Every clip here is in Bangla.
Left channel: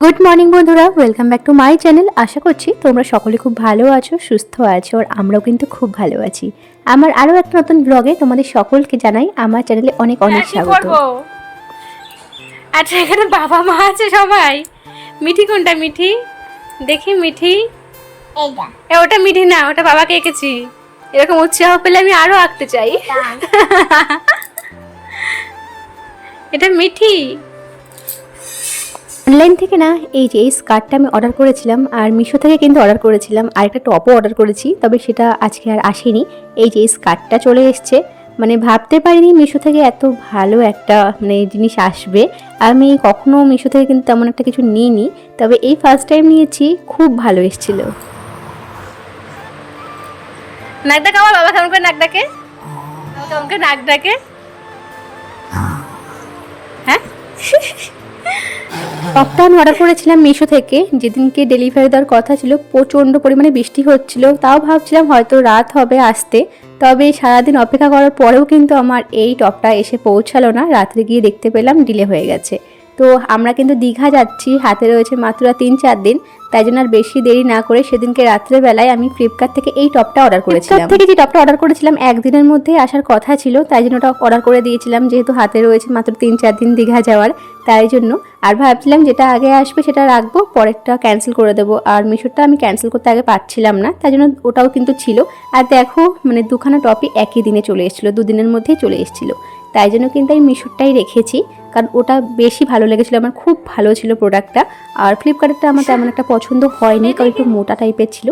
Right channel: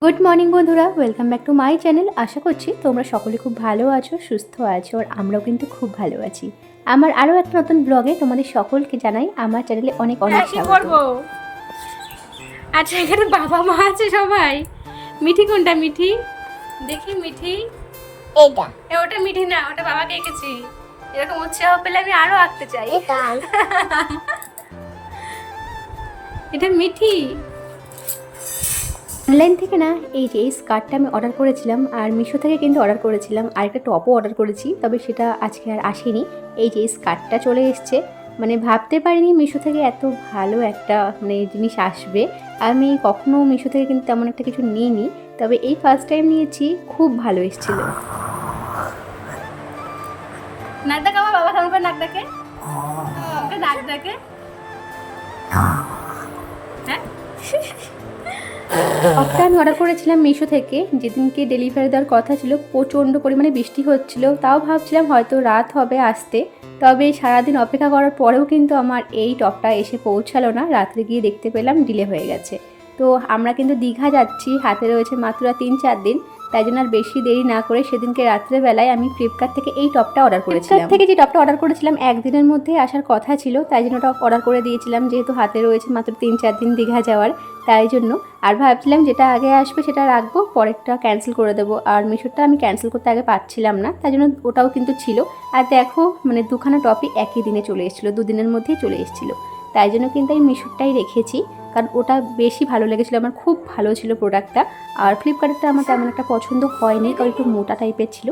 গুড মর্নিং বন্ধুরা, welcome back to my channel. আশা করছি তোমরা সকলে খুব ভালো আছো, সুস্থ আছো, আর আমরাও কিন্তু খুব ভালো আছি। আমার আরও একটা নতুন ব্লগে তোমাদের সকলকে জানাই আমার চ্যানেলে অনেক অনেক স্বাগত। আচ্ছা, এখানে বাবা মা আছে সবাই। মিঠি কোনটা? মিঠি দেখি, মিঠি ওটা মিঠি না, ওটা বাবাকে এঁকেছি। এরকম উৎসাহ পেলে আমি আরো আঁকতে চাই। এটা মিঠি। অনলাইন থেকে না এই যে এই স্কার্টটা আমি অর্ডার করেছিলাম, আর মিশো থেকে কিন্তু অর্ডার করেছিলাম, আর একটা টপও অর্ডার করেছি, তবে সেটা আজকে আর আসেনি। এই যে এই স্কার্টটা চলে এসছে, মানে ভাবতে পারিনি মিশো থেকে এত ভালো একটা জিনিস আসবে। আমি কখনো মিশো থেকে কিন্তু তেমন একটা কিছু নিইনি, তবে এই ফার্স্ট টাইম নিয়েছি, খুব ভালো এসেছিল। নাক ডাকা আমার বাবা কেমন করে নাক ডাকে? কেমন করে নাক ডাকে? হ্যাঁ, টপটা আমি অর্ডার করেছিলাম মিশো থেকে। যেদিনকে ডেলিভারি দেওয়ার কথা ছিল প্রচণ্ড পরিমাণে বৃষ্টি হচ্ছিল, তাও ভাবছিলাম হয়তো রাত হবে আসতে, তবে সারাদিন অপেক্ষা করার পরেও কিন্তু আমার এই টপটা এসে পৌঁছালো না। রাত্রে গিয়ে দেখতে পেলাম ডিলে হয়ে গেছে। তো আমরা কিন্তু দীঘা যাচ্ছি, হাতে রয়েছে মাত্র 3-4 দিন, তাই জন্য আর বেশি দেরি না করে সেদিনকে রাত্রেবেলায় আমি ফ্লিপকার্ট থেকে এই টপটা অর্ডার করেছিলাম। থেকে যে টপটা অর্ডার করেছিলাম একদিনের মধ্যেই আসার কথা ছিল, তাই জন্য ওটা অর্ডার করে দিয়েছিলাম, যেহেতু হাতে রয়েছে মাত্র 3-4 দিন দীঘা যাওয়ার, তাই জন্য। আর ভাবছিলাম যেটা আগে আসবে সেটা রাখবো, পরেরটা ক্যান্সেল করে দেবো। আর মিশোটা আমি ক্যান্সেল করতে আগে পারছিলাম না, তাই জন্য ওটাও কিন্তু ছিল। আর দেখো দুখানা টপই একই দিনে চলে এসেছিলো, দুদিনের মধ্যেই চলে এসেছিলো, তাই জন্য কিন্তু আমি মিশোটাই রেখেছি, কারণ ওটা বেশি ভালো লেগেছিলো আমার, খুব ভালো ছিল প্রোডাক্টটা। আর ফ্লিপকার্টেরটা আমার তেমন একটা পছন্দ হয়নি, কারণ একটু মোটা টাইপের ছিল,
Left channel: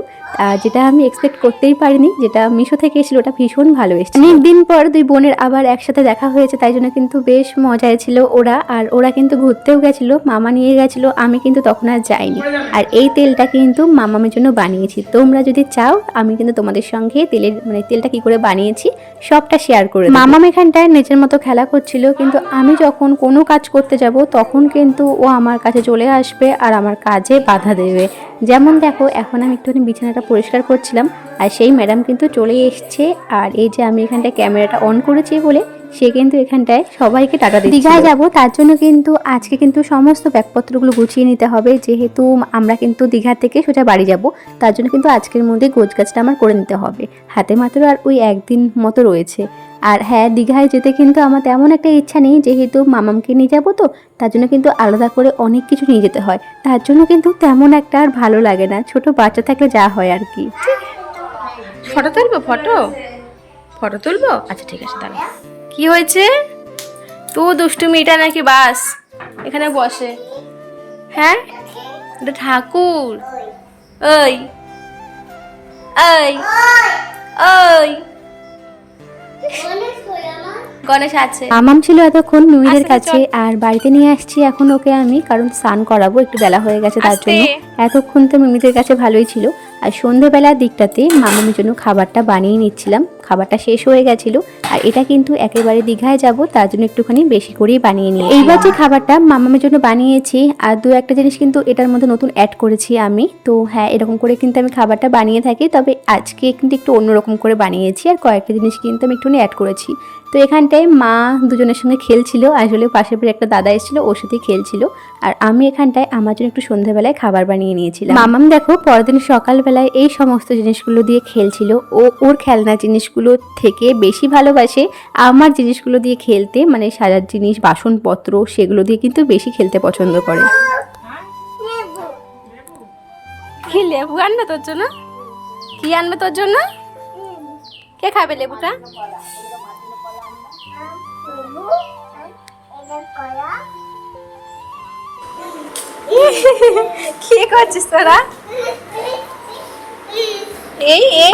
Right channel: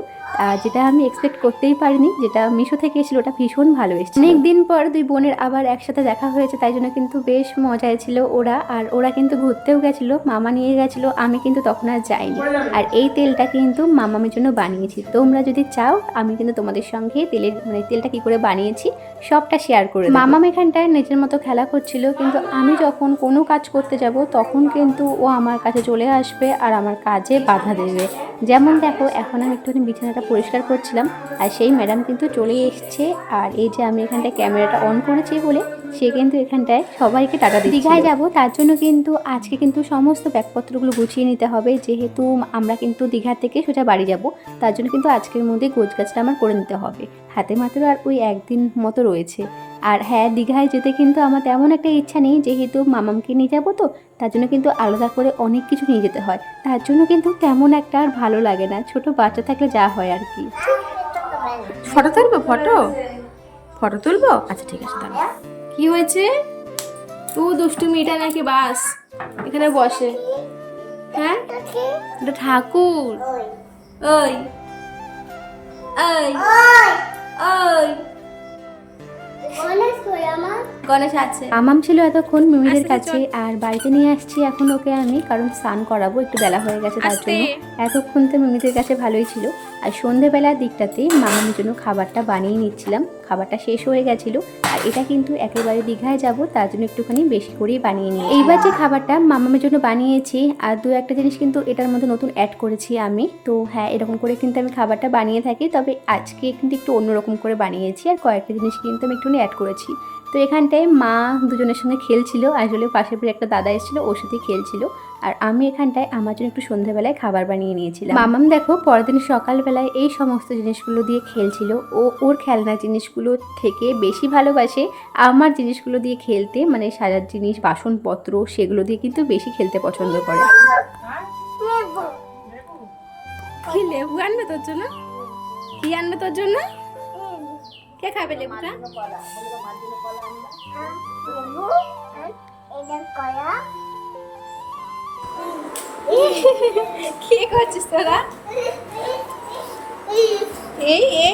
যেটা আমি এক্সপেক্ট করতেই পারিনি। যেটা মিশো থেকে এসেছিলো ওটা ভীষণ ভালো এসেছিল। অনেক দিন পর দুই বোনের আবার একসাথে দেখা হয়েছে, তাই জন্য কিন্তু বেশ মজায় ছিল ওরা। আর ওরা কিন্তু ঘুরতেও গেছিলো, মামা নিয়ে গেছিলো, আমি কিন্তু তখন আর যাইনি। আর এই তেলটা কিন্তু মামামের জন্য বানিয়েছি। তোমরা যদি চাও আমি কিন্তু তোমাদের সঙ্গে তেলটা কি করে বানিয়েছি সবটা শেয়ার করে দেব। মামাম এখানটায় নিজের মতো খেলা করছিল, কিন্তু আমি যখন কোনো কাজ করতে যাব তখন কিন্তু ও আমার কাছে চলে আসবে আর আমার কাজে বাধা দেবে। যেমন দেখো, এখন আমি একটুখানি বিছানাটা পরিষ্কার করছিলাম, আর সেই ম্যাডাম কিন্তু চলে এসছে। আর এই যে আমি এখানটায় ক্যামেরাটা অন করেছি বলে সে কিন্তু এখানটায় সবাইকে টাকা দিচ্ছে। দীঘায় যাবো, তার জন্য কিন্তু আজকে কিন্তু সমস্ত ব্যাগপত্রগুলো গুছিয়ে নিতে হবে, যেহেতু আমরা কিন্তু দীঘা থেকে সোজা বাড়ি যাব, তার জন্য কিন্তু আজকের মধ্যে গোছগাছটা আমার করে নিতে হবে। হাতে মাত্র আর ওই একদিন মতো রয়েছে। আর হ্যাঁ, দীঘায় যেতে কিন্তু আমার তেমন একটা ইচ্ছা নেই, যেহেতু মামামকে নিয়ে যাবো, তো তার জন্য কিন্তু আলাদা করে অনেক কিছু নিয়ে যেতে হয়, তার জন্য কিন্তু তেমন একটা আর ভালো লাগে না। ছোট বাচ্চা থাকলে যা হয় আর কি। ফটো তুলবো? ফটো তুলবো, আচ্ছা ঠিক আছে। তাহলে কি হয়েছে? তো দুষ্টুমিটা নাকি বাস এখানে বসে? হ্যাঁ, এটা ঠাকুর। ওই ওই ওই গণেশ আছে। মামাম ছিল এতক্ষণ মিমিদের কাছে, আর বাড়িতে নিয়ে আসছি এখন ওকে আমি, কারণ স্নান করাবো, একটু বেলা হয়ে গেছে তার জন্য। এতক্ষণ তো মিমিদের কাছে ভালোই ছিল। আর সন্ধ্যেবেলার দিকটাতে মামামের জন্য খাবারটা বানিয়ে নিচ্ছিলাম, খাবারটা শেষ হয়ে গেছিল। আর এটা কিন্তু একেবারে দীঘায় যাব, তার জন্য একটুখানি বেশি করেই বানিয়ে নিই। এইবার যে খাবারটা মামামের জন্য বানিয়েছি, আর দু একটা জিনিস কিন্তু এটার মধ্যে নতুন অ্যাড করেছি আমি। তো হ্যাঁ, এরকম করে কিন্তু আমি খাবারটা বানিয়ে থাকি, তবে আজকে কিন্তু একটু অন্যরকম করে বানিয়েছি, আর কয়েকটা জিনিস কিন্তু আমি একটুখানি অ্যাড করেছি। তো এখানটায় মা দুজনের সঙ্গে খেলছিল, আসলে পাশের বাড়ির একটা দাদা এসেছিলো, ওর সাথেই খেলছিল। আর আমি এখানটায় আমার জন্য একটু সন্ধ্যাবেলায় খাবার বানিয়ে নিয়েছিলাম। মামাম দেখো পরদিন সকালবেলায় এই সমস্ত জিনিসগুলো দিয়ে খেলছিল। ও ওর খেলনা জিনিসগুলো থেকে বেশি ভালোবাসে আমার জিনিসগুলো দিয়ে খেলতে, সাজার জিনিস, বাসনপত্র, সেগুলো দিয়ে কিন্তু বেশি খেলতে পছন্দ করে। কি লেবু আনবে তোর জন্য? কি আনবে তোর জন্য? কে খাবে লেবুটা? কি করছিস তোরা?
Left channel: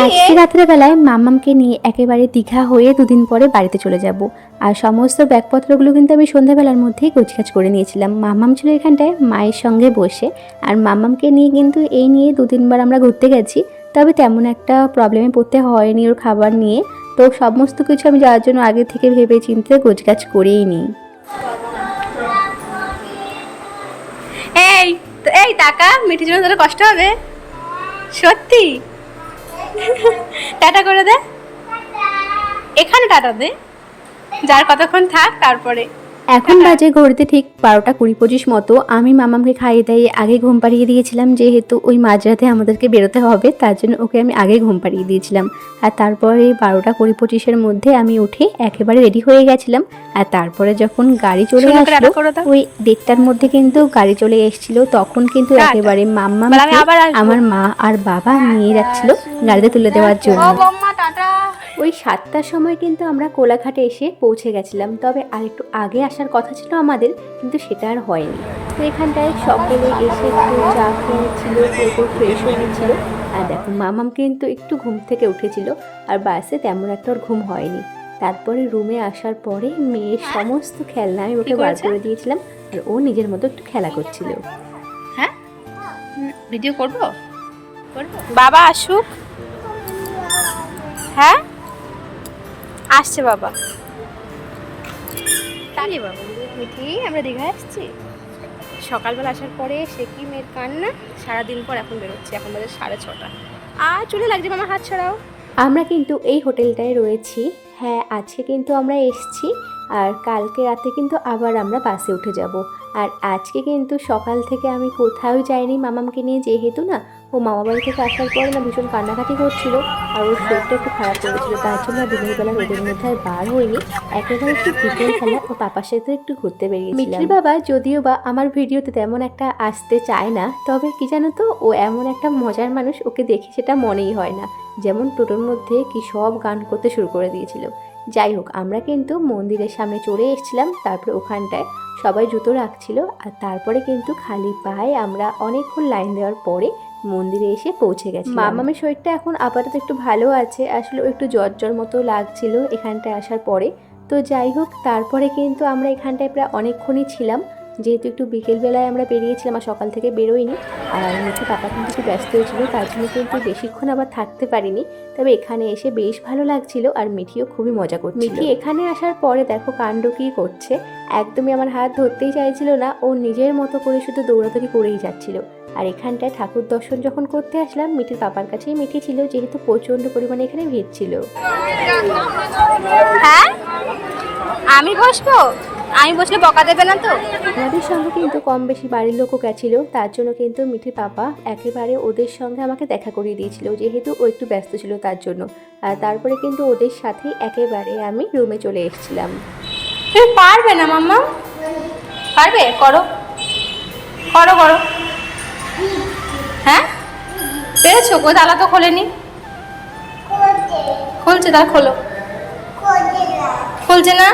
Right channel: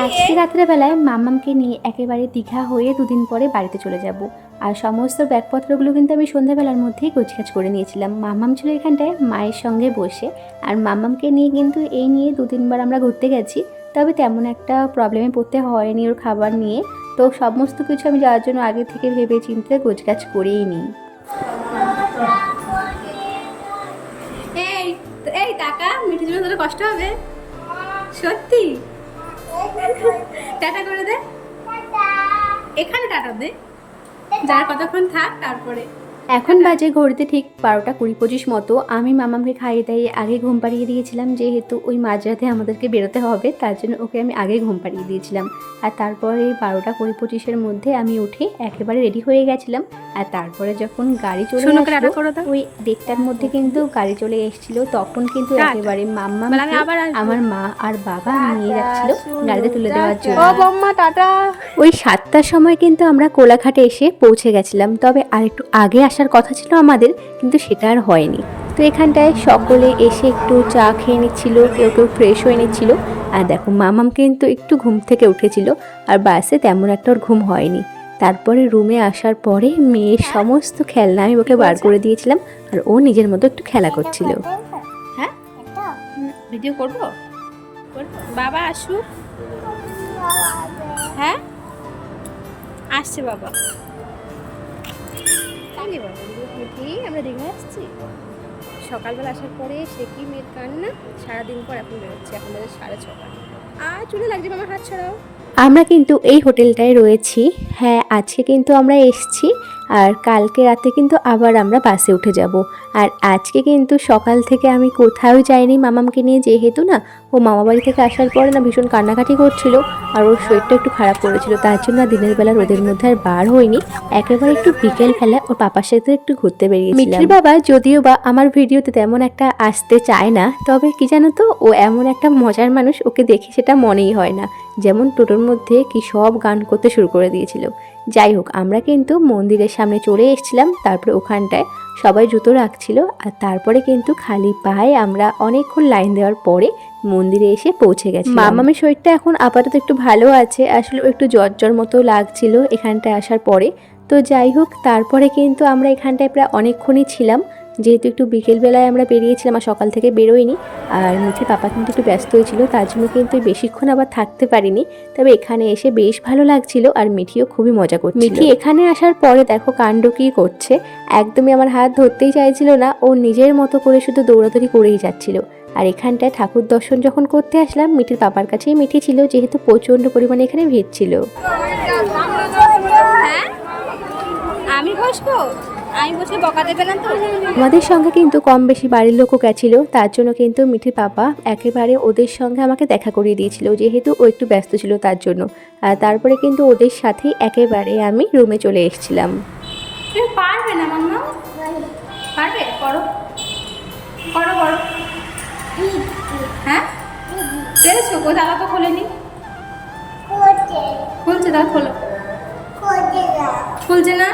আজকে রাত্রেবেলায় মামামকে নিয়ে একেবারে দীঘা হয়ে দুদিন পরে বাড়িতে চলে যাব। আর সমস্ত ব্যাগপত্রগুলো কিন্তু আমি সন্ধ্যাবেলার মধ্যেই গোছগাছ করে নিয়েছিলাম। মামাম ছিল এখানটায় মায়ের সঙ্গে বসে, আর মামামকে নিয়ে কিন্তু এই নিয়ে 2-3 বার আমরা ঘুরতে গেছি, তবে তেমন একটা প্রবলেমে পড়তে হয়নি ওর খাবার নিয়ে। তো সমস্ত কিছু আমি যাওয়ার জন্য আগে থেকে ভেবে চিন্তে গোছগাছ করেই নিই। এই টাকা মিঠির জন্য তোর কষ্ট হবে সত্যি? টাটা করে দে, এখানে টাটা দে, যার কতক্ষণ থাক, তারপরে এখন বাজে ঘড়িতে ঠিক 12:20-25 মতো। আমি মামামকে খাইয়ে দাইয়ে আগে ঘুম পাড়িয়ে দিয়েছিলাম, যেহেতু ওই মাঝরাতে আমাদেরকে বেরোতে হবে, তার জন্য ওকে আমি আগে ঘুম পাড়িয়ে দিয়েছিলাম। আর তারপরে 12:20-25-এর মধ্যে আমি উঠে একেবারে রেডি হয়ে গেছিলাম। আর তারপরে যখন গাড়ি চলে আসলো, ওই 1:30টার মধ্যে কিন্তু গাড়ি চলে এসেছিল। তখন কিন্তু একেবারে মাম্মামকে আমার মা আর বাবা নিয়ে যাচ্ছিল গাড়িতে তুলে দেওয়ার জন্য। ওই 7টার সময় কিন্তু আমরা কোলাঘাটে এসে পৌঁছে গেছিলাম। তবে আর একটু আগে আসার কথা ছিল আমাদের, কিন্তু সেটা আর হয়নি। তো এখানটায় সকলে এসে একটু চা খেয়ে নিচ্ছিল, কেউ কেউ ফ্রেশ হয়ে নিচ্ছিল। আর দেখো মামাম কিন্তু একটু ঘুম থেকে উঠেছিল, আর বাসে তেমন একটা ওর ঘুম হয়নি। তারপরে রুমে আসার পরে মেয়ের সমস্ত খেলনা আমি ওকে বার করে দিয়েছিলাম, আর ও নিজের মতো একটু খেলা করছিল। হ্যাঁ, ভিডিও করব, বাবা আসুক। হ্যাঁ, আসছে বাবা। মিঠি, আমরা দীঘায় আসছি। সকালবেলা আসার পরে সে কি মেয়ের কান্না, সারাদিন পর এখন বেরোচ্ছি। এখন বাজে 6:30। আর চুলে লাগছে, মামা হাত ছড়াও। আমরা কিন্তু এই হোটেলটায় রয়েছি। হ্যাঁ, আজকে কিন্তু আমরা এসেছি, আর কালকে রাতে কিন্তু আবার আমরা বাসে উঠে যাব। আর আজকে কিন্তু সকাল থেকে আমি কোথাও যাইনি মামামকে নিয়ে, যেহেতু না ও মামা বাড়ি থেকে আসার পরে না ভীষণ কান্নাকাটি করছিল, আর ওর শরীরটা একটু খারাপ করেছিল। তার জন্য দিনের বেলা রোদের মধ্যে আর বার হয়নি। একেবারে একটু বিকেল খেলা ওর পাপার সাথে একটু ঘুরতে বেরিয়েছিলাম। মিঠির বাবা যদিও বা আমার ভিডিওতে তেমন একটা আসতে চায় না, তবে কি জানো তো, ও এমন একটা মজার মানুষ, ওকে দেখে সেটা মনেই হয় না। যেমন টোটোর মধ্যে কি সব গান করতে শুরু করে দিয়েছিল। যাই হোক, আমরা কিন্তু মন্দিরের সামনে চলে এসেছিলাম। তারপরে ওখানটায় সবাই জুতো রাখছিল, আর তারপরে কিন্তু খালি পায়ে আমরা অনেকক্ষণ লাইন দেওয়ার পরে মন্দিরে এসে পৌঁছে গেছি। মামামের শরীরটা এখন আপাতত একটু ভালো আছে, আসলে একটু জ্বর মতো লাগছিল এখানটায় আসার পরে। তো যাই হোক, তারপরে কিন্তু আমরা এখানটায় প্রায় অনেকক্ষণই ছিলাম, যেহেতু একটু বিকেলবেলায় আমরা বেরিয়েছিলাম আর সকাল থেকে বেরোইনি। আর মিঠি পাপা কিন্তু একটু ব্যস্ত হয়েছিল, তার জন্য কিন্তু বেশিক্ষণ আবার থাকতে পারিনি। তবে এখানে এসে বেশ ভালো লাগছিল, আর মিঠিও খুবই মজা করছিল। মিঠি এখানে আসার পরে দেখো কাণ্ড কী করছে, একদমই আমার হাত ধরতেই চাইছিল না, ও নিজের মতো করে শুধু দৌড়াদৌড়ি করেই যাচ্ছিল। আর এখানটায় ঠাকুর দর্শন যখন করতে আসলাম, মিঠির পাপার কাছেই মিঠি ছিল, যেহেতু প্রচণ্ড পরিমাণে এখানে ভিড় ছিল। হ্যাঁ, আমি বসবো, আমি বসলে বকা দেবে না তো? আমাদের সঙ্গে কিন্তু কম বেশি বাড়ির লোকও গেছিলো, তার জন্য কিন্তু মিঠির পাপা একেবারে ওদের সঙ্গে আমাকে দেখা করিয়ে দিয়েছিল, যেহেতু ও একটু ব্যস্ত ছিল তার জন্য। আর তারপরে কিন্তু ওদের সাথেই একেবারে আমি রুমে চলে এসেছিলাম। তুমি পারবে না মাম্মা? পারবে? করো করো করো। হ্যাঁ, পেরেছো? কো তালা তো খোলেনি। খুলছে, তাহলে খোলো। খুলছে না?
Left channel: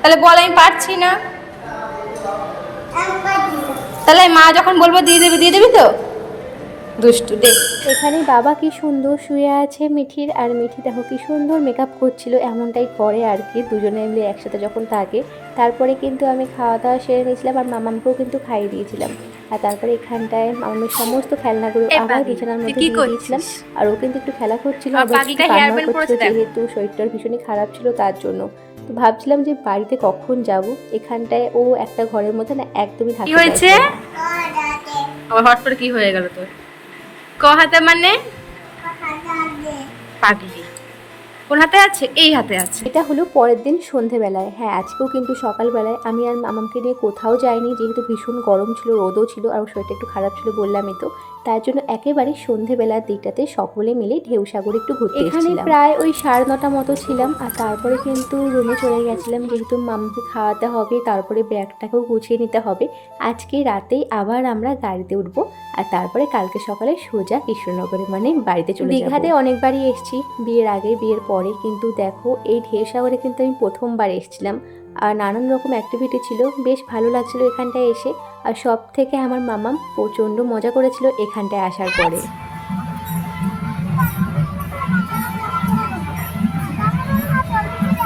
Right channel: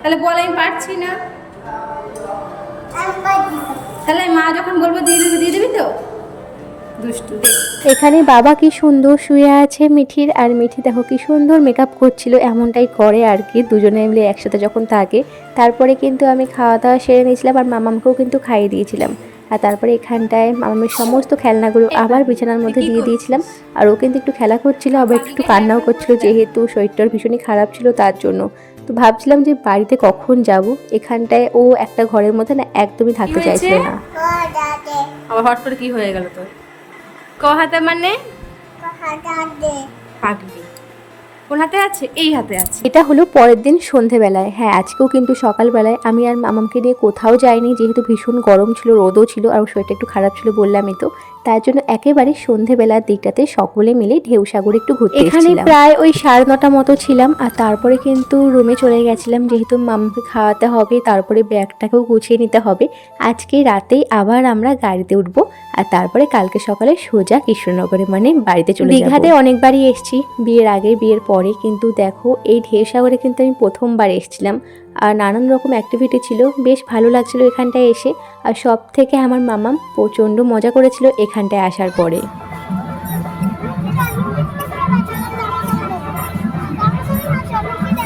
তাহলে বল আমি পারছি না। তাহলে মা যখন বলবো দিয়ে দিবি তো? দুষ্টু দে। এখানে বাবা কি সুন্দর শুয়ে আছে মিঠির, আর মিঠি দেখো কি সুন্দর মেকআপ করছিল, এমনটাই করে আর কি দুজনে মিলে একসাথে যখন থাকে। তারপরে কিন্তু আমি খাওয়া দাওয়া সেরে নিয়েছিলাম, আর মামামকেও কিন্তু খাইয়ে দিয়েছিলাম। আর তারপরে এখানটায় মামামের সমস্ত খেলনাগুলো আবার বিছানার মধ্যে দিয়ে দিয়েছিলাম, আর ও কিন্তু একটু খেলা করছিল, আবার একটু কান্নাও করছিল, যেহেতু শরীরটার ভীষণই খারাপ ছিল তার জন্য। তো ভাবছিলাম যে বাড়িতে কখন যাব, এখানটায় ও একটা ঘরের মধ্যে না একদমই থাকতে চাইছে না। আবার হট করে কি হয়ে গেল তোর? ক হাতে মানে? পাগলি। কোন হাতে আছে? এই হাতে আছে। এটা হলো পরের দিন সন্ধেবেলায়। হ্যাঁ, আজকেও কিন্তু সকালবেলায় আমি আর মামামকে নিয়ে কোথাও যাইনি, যেহেতু ভীষণ গরম ছিল, রোদও ছিল, আর শরীরটা একটু খারাপ ছিল বললামই তো। তার জন্য একেবারে সন্ধেবেলার দিকটাতে সকলে মিলে ঢেউসাগরে একটু ঘুরতে এখানে প্রায় ওই 9:30 মতো ছিলাম। আর তারপরে কিন্তু রুমে চলে গেছিলাম, যেহেতু মামাকে খাওয়াতে হবে, তারপরে ব্যাগটাকেও গুছিয়ে নিতে হবে। আজকে রাতেই আবার আমরা গাড়িতে উঠবো, আর তারপরে কালকে সকালে সোজা কৃষ্ণনগরে মানে বাড়িতে চলে যাব। দীঘাতে অনেকবারই এসেছি, বিয়ের আগে বিয়ের পরে, কিন্তু দেখো এই ঢেউসাগরে কিন্তু আমি প্রথমবার এসেছিলাম। আর নানান রকম অ্যাক্টিভিটি ছিল, বেশ ভালো লাগছিল এখানটায় এসে। আর সব থেকে আমার মামাম প্রচণ্ড মজা করেছিল এখানটায় আসার পরে।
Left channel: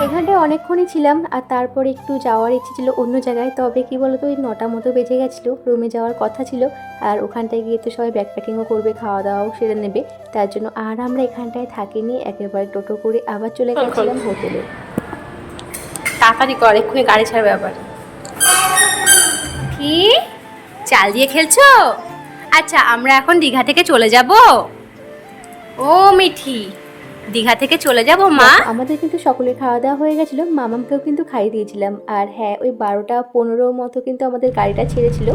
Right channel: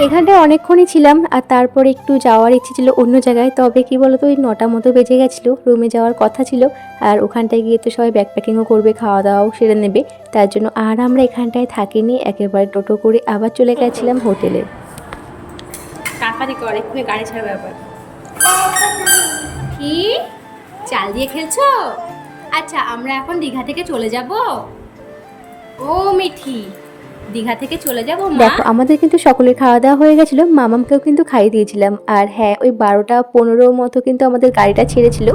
এখানটায় অনেকক্ষণই ছিলাম, আর তারপরে একটু যাওয়ার ইচ্ছে ছিল অন্য জায়গায়। তবে কি বলতো, ওই 9টা মতো বেজে গেছিলো, রুমে যাওয়ার কথা ছিল। আর ওখানটায় গিয়ে তো সবাই ব্যাকপ্যাকিংও করবে, খাওয়া দাওয়াও সেরে নেবে, তার জন্য আর আমরা এখানটায় থাকিনি, একেবারে টোটো করে আবার চলে গেছিলাম হোটেলে। তাড়াতাড়ি কর, এক্ষুনি গাড়ি ছাড়বে আবার। কি চাল দিয়ে খেলছো? আচ্ছা, আমরা এখন দীঘা থেকে চলে যাব। ও মিঠি, দীঘা থেকে চলে যাব মা। দেখো, আমাদের কিন্তু সকলের খাওয়া দাওয়া হয়ে গেছিলো, মামামকেও কিন্তু খাইয়ে দিয়েছিলাম। আর হ্যাঁ, ওই 12টা 15 মতো কিন্তু আমাদের গাড়িটা ছেড়েছিল।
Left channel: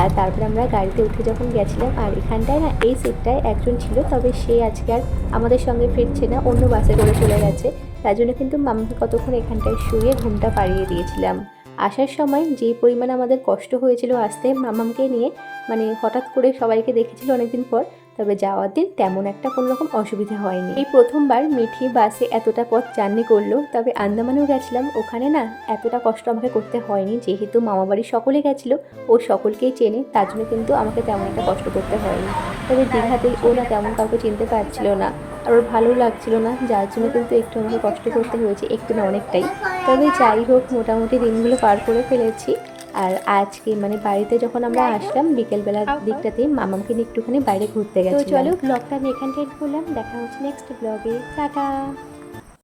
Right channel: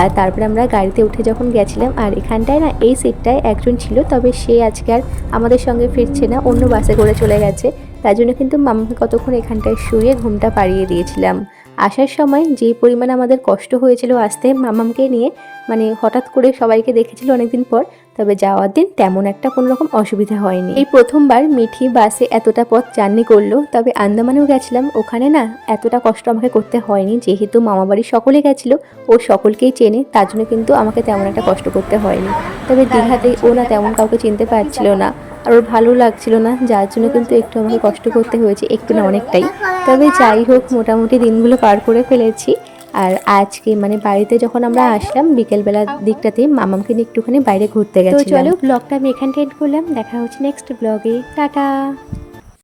আর তারপরে আমরা গাড়িতে উঠে যখন গেছিলাম, আর এখানটায় না এই সিটটায় একজন ছিল, তবে সে আজকে আর আমাদের সঙ্গে ফিরছে না, অন্য বাসে করে চলে গেছে। তার জন্য কিন্তু মামাকে কতক্ষণ এখানটায় শুয়ে ঘুমটা পাড়িয়ে দিয়েছিলাম। আসার সময় যে পরিমাণে আমাদের কষ্ট হয়েছিল আসতে মামামকে নিয়ে, মানে হঠাৎ করে সবাইকে দেখেছিল অনেকদিন পর, তবে যাওয়ার দিন তেমন একটা কোনো রকম অসুবিধা হয়নি। এই প্রথমবার মিঠি বাসে এতটা পথ জার্নি করলো। তবে আন্দামানেও গেছিলাম, ওখানে না এতটা কষ্ট আমাকে করতে হয়নি, যেহেতু মামাবাড়ির সকলে গেছিলো, ও সকলকেই চেনে, তার জন্য কিন্তু আমাকে তেমন একটা কষ্ট করতে হয়নি। তবে দীঘাতে ও না তেমন কাউকে চিনতে পারছিল না, আর ওর ভালো লাগছিল না, যার জন্য কিন্তু একটু আমাকে কষ্ট করতে হয়েছে, একটু না অনেকটাই। তবে যাই হোক, মোটামুটি দিনগুলো পার করে ফেলেছি। আর আজকে মানে বাড়িতে যখন আমরা আসলাম বিকেলবেলার দিকটাতে, মামামকে নিয়ে একটুখানি বাইরে ঘুরতে গেছিলাম। তো চলো, ব্লগটা আমি এখানটা এন্ড করলাম। দেখা হচ্ছে নেক্সট ব্লগে। টাটা।